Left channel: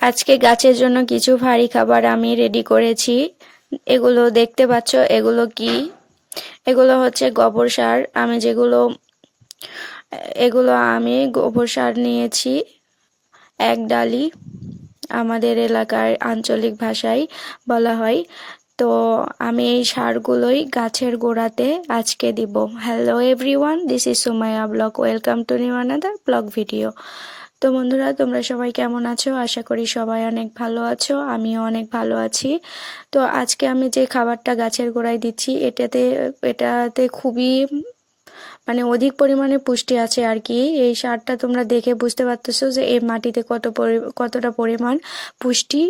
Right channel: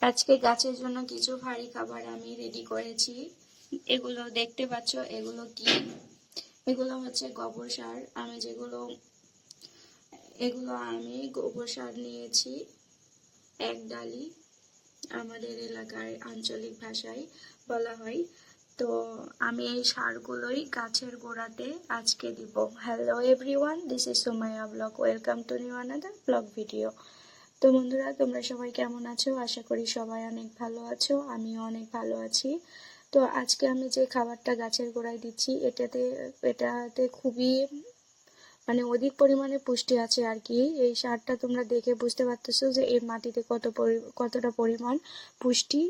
আজকে গাছের জন্য কিছু ভারী খাবার আমি রেডি করেছি। এগুলো দেখতে পাচ্ছ, এগুলো কি? এগুলো হচ্ছে গোবর সার। আমি গোবর সার নিয়েছি 1 ডালি, আমাদের এলাকার আঞ্চলিক ভাষায় বলা হয়। তো আমি এই সারগুলোই গাছের গোড়াতে আজকে দিব। Hello everyone, this is Sumaiya blog. Welcome to new another blog video. তো বন্ধুরা, তোমরা সবাই কেমন আছো? আশা করি সবাই অনেক ভালো আছো, আমিও অনেক ভালো আছি। তো আজকে আমি যে খাবারটা গাছের গোড়ায় দিচ্ছি, এটাতে খুবই অধিক পরিমাণে পুষ্টি আছে আর কি। এই সারটা তোমরা দেখে বুঝতে পারতেছো যে এই মাটিতে কতটা পরিমাণ পুষ্টি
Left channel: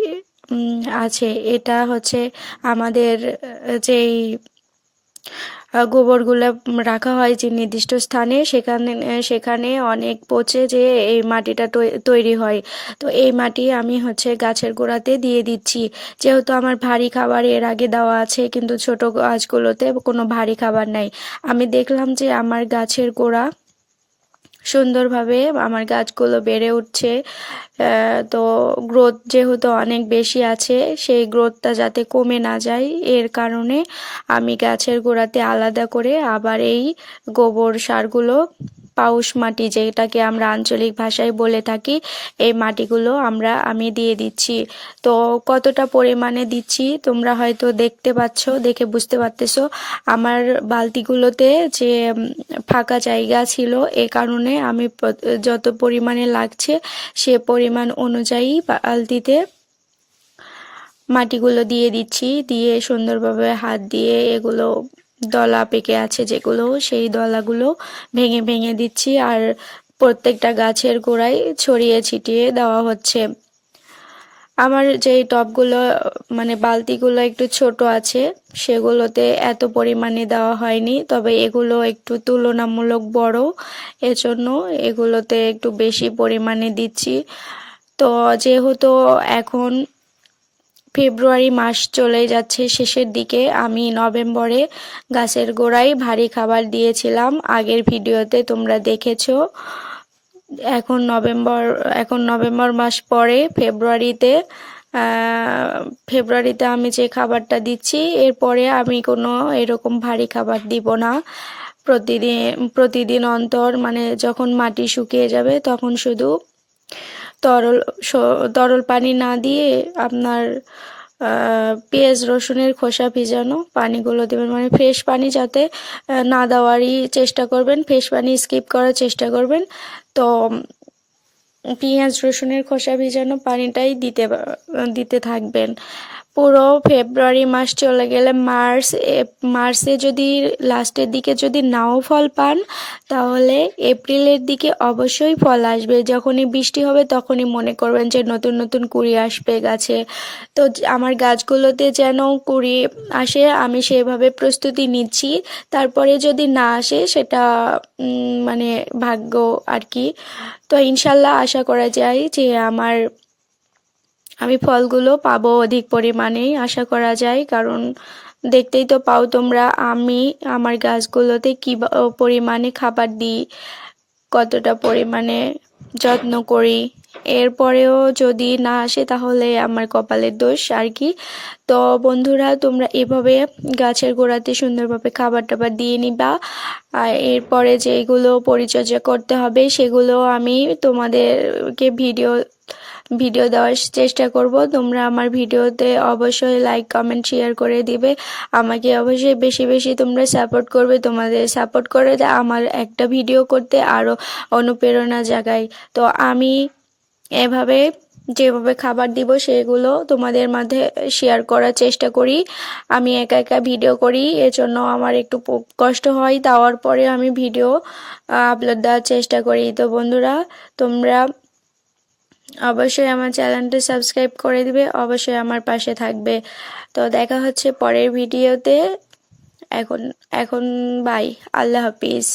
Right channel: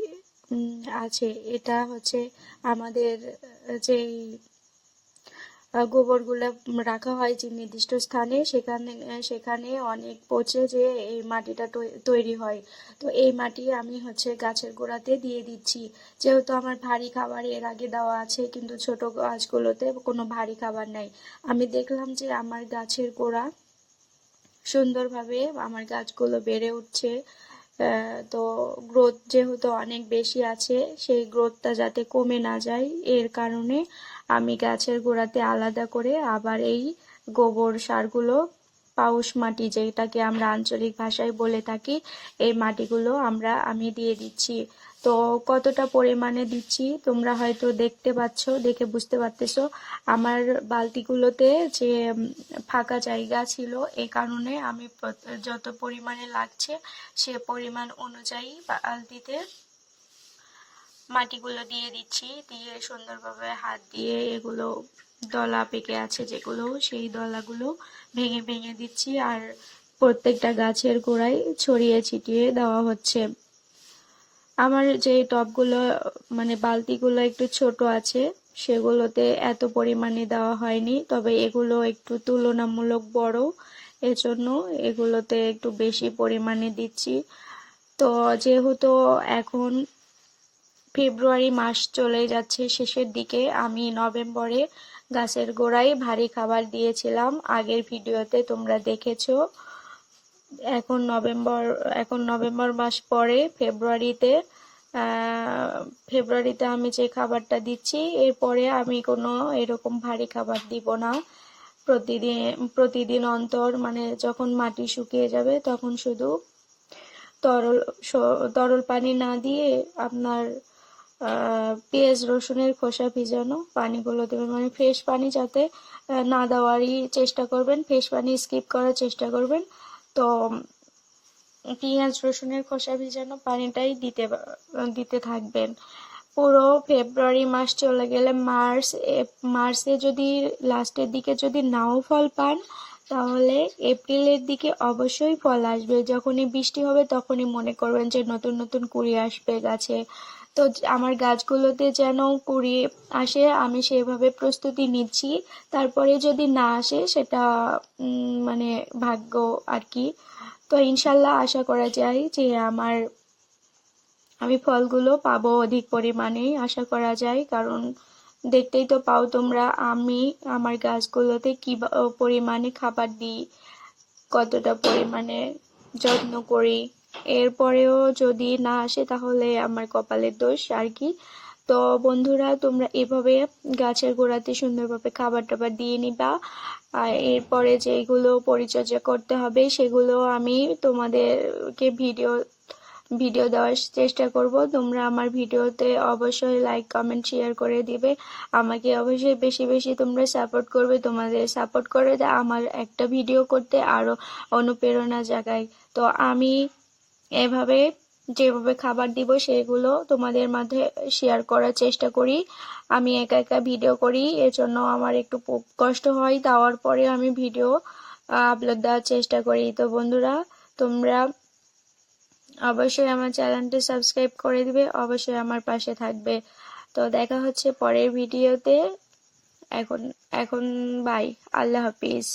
আছে। এটা হচ্ছে আমাদের যেই গোবরগুলো রাখা হয় যে নির্দিষ্ট স্থানে, সেখানে অনেক পচে যে এই মাটিটা তৈরি হয়। তো এই মাটি আমি হচ্ছে গাছের গোড়াতে দিয়ে দিচ্ছি। যেহেতু আমার ভারী খাবার এর আগে দেওয়া আছে, কিন্তু ছোট গাছগুলোতে কোনো ভারী খাবার নাই। আমি দেখলাম যে আমার গাছের গোড়া সুন্দরভাবে আমার গাছগুলো বেড়ে উঠছে। তো গ্রোথ যেহেতু অনেক বেশি আছে, সেই গ্রোথটা যাতে কমে না যায়, এর কারণে আমি গাছের গোড়াতে আলাদা করে আবার এই গোবর সারগুলো, পাউশ মাটি যেটাকে আমরা আঞ্চলিক ভাষায় বলে থাকি, এই মাটিগুলো আমি দিয়ে দিচ্ছি। তো কতটা পরিমাণে দিচ্ছি তোমরা হয়তো দেখে বুঝতে পারতেছো। আমার বালতিগুলোতে যে ফাঁকা জায়গা ছিল, এ কারণে আমি যত পরিমাণে লাগছে সে পরিমাণ অনুযায়ী বালতিতে মাটিগুলো দিয়ে দিচ্ছি। দিয়ে সুন্দরভাবে হাত দিয়ে এগুলো দলা পেকে আছে যেগুলো, সেই দলাগুলো ভেঙে ভেঙে দিচ্ছি, আর প্রত্যেকটা গাছের গোড়ায় ছড়িয়ে ছিটিয়ে দেওয়া হচ্ছে। আমার যেই টবগুলো বালতিগুলো একটু ছোট আছে, সেগুলোতে এত পরিমাণে দেওয়া হয়নি, তবে এগুলো একটু তুলনামূলক বড়, এজন্য এগুলোতে একটু বেশি পরিমাণে দিচ্ছি। তো যেহেতু এখন ফেব্রুয়ারি মাস চলে যাচ্ছে শেষের দিকে, আমি নভেম্বরে গাছের গোড়ায় ভারী খাবার দিয়েছিলাম, আগের ভিডিওতে তোমরা দেখেছো। এখন নভেম্বর মাস পরে ফেব্রুয়ারিতে আমি যে খাবারটা দিচ্ছি, এরপরে আমি কোনো এরকম ভারী খাবার দিব না। প্রতিদিন অন্তর, যখন মাটি শুকিয়ে যাবে তখন শুধু তরল তরল পানি না দিয়ে আপনার পেঁয়াজ রসুনের খোসা ভিজানো পানিগুলো দেবেন। ফ্রেশ পানি যাতে না দেওয়ারই চেষ্টা করবেন, ফ্রেশ পানি স্কিপ করার চেষ্টা করবেন। তো পেঁয়াজ রসুনের খোসা ভিজানো পানিটাই দিতে থাকবেন। পুরো ফেব্রুয়ারি মাস চলে গেলে মার্চে যদি লাস্টের দিকে যদি নাও ফল পান, তাহলে এপ্রিলের দিকে অবশ্যই ফল আসবে। যখনই বৃষ্টি হবে তখনই মনে করবেন যে নতুন নতুন কুঁড়ি আসবে গাছে। তো আমার গাছগুলোতে যেন কুঁড়ি আসে, আমি সেভাবে প্রস্তুতি নিচ্ছি। তারপরে যদি না আসে, সেটা ভাগ্য আর কি। তো ইনশাল্লাহ আশা করা যায় যে আমি ফলগুলো পাবো অধিক পরিমাণেই, আশা করা যায়। কারণ দেখতেই তো পাও তোমরা, আমি আমার গাছগুলোতে কি পরিমাণে খাবার দিই, কতটা পরিমাণে যত্ন করি। এরপরেও যদি না আসে, তাহলে আমার কপালের দোষ আর কি। তো বন্ধুরা, তোমরা এভাবে গাছের গোড়াতে সুন্দরভাবে খাবার টাবার দিয়ে নিবা। আর এরপরে যেগুলো পরিচর্যা করতে হবে, সেগুলো আমি তোমাদেরকে ভিডিও দেওয়ার চেষ্টা করব। তোমরা আমার ভিডিওতে অবশ্যই লাইক কমেন্ট শেয়ার করে দিবে। আমাকে অবশ্যই বেশি বেশি তোমরা সাপোর্ট করবে। তোমাদের সাপোর্ট করে আমার একটা ভিডিও করতে আরও অনুপ্রেরণা জাগায়। তো আমি এভাবে যেভাবে খাবার দিব, সেগুলো তোমাদের মাঝে শেয়ার করার চেষ্টা করি। আমি একা একা ভিডিও করি, এজন্য আমার একটু কষ্ট হয়, দেওয়ার পরে আমি ভিডিও আপলোড দেওয়ার চেষ্টা করি। তো বন্ধুরা, তোমরা অবশ্যই আমার চ্যানেলটা সাবস্ক্রাইব করে দিবে, অবশ্যই আমার পাশে থাকবে। তো দেখা হচ্ছে পরের ভিডিওতে। এখন এখন বাই, আল্লাহ হাফিজ।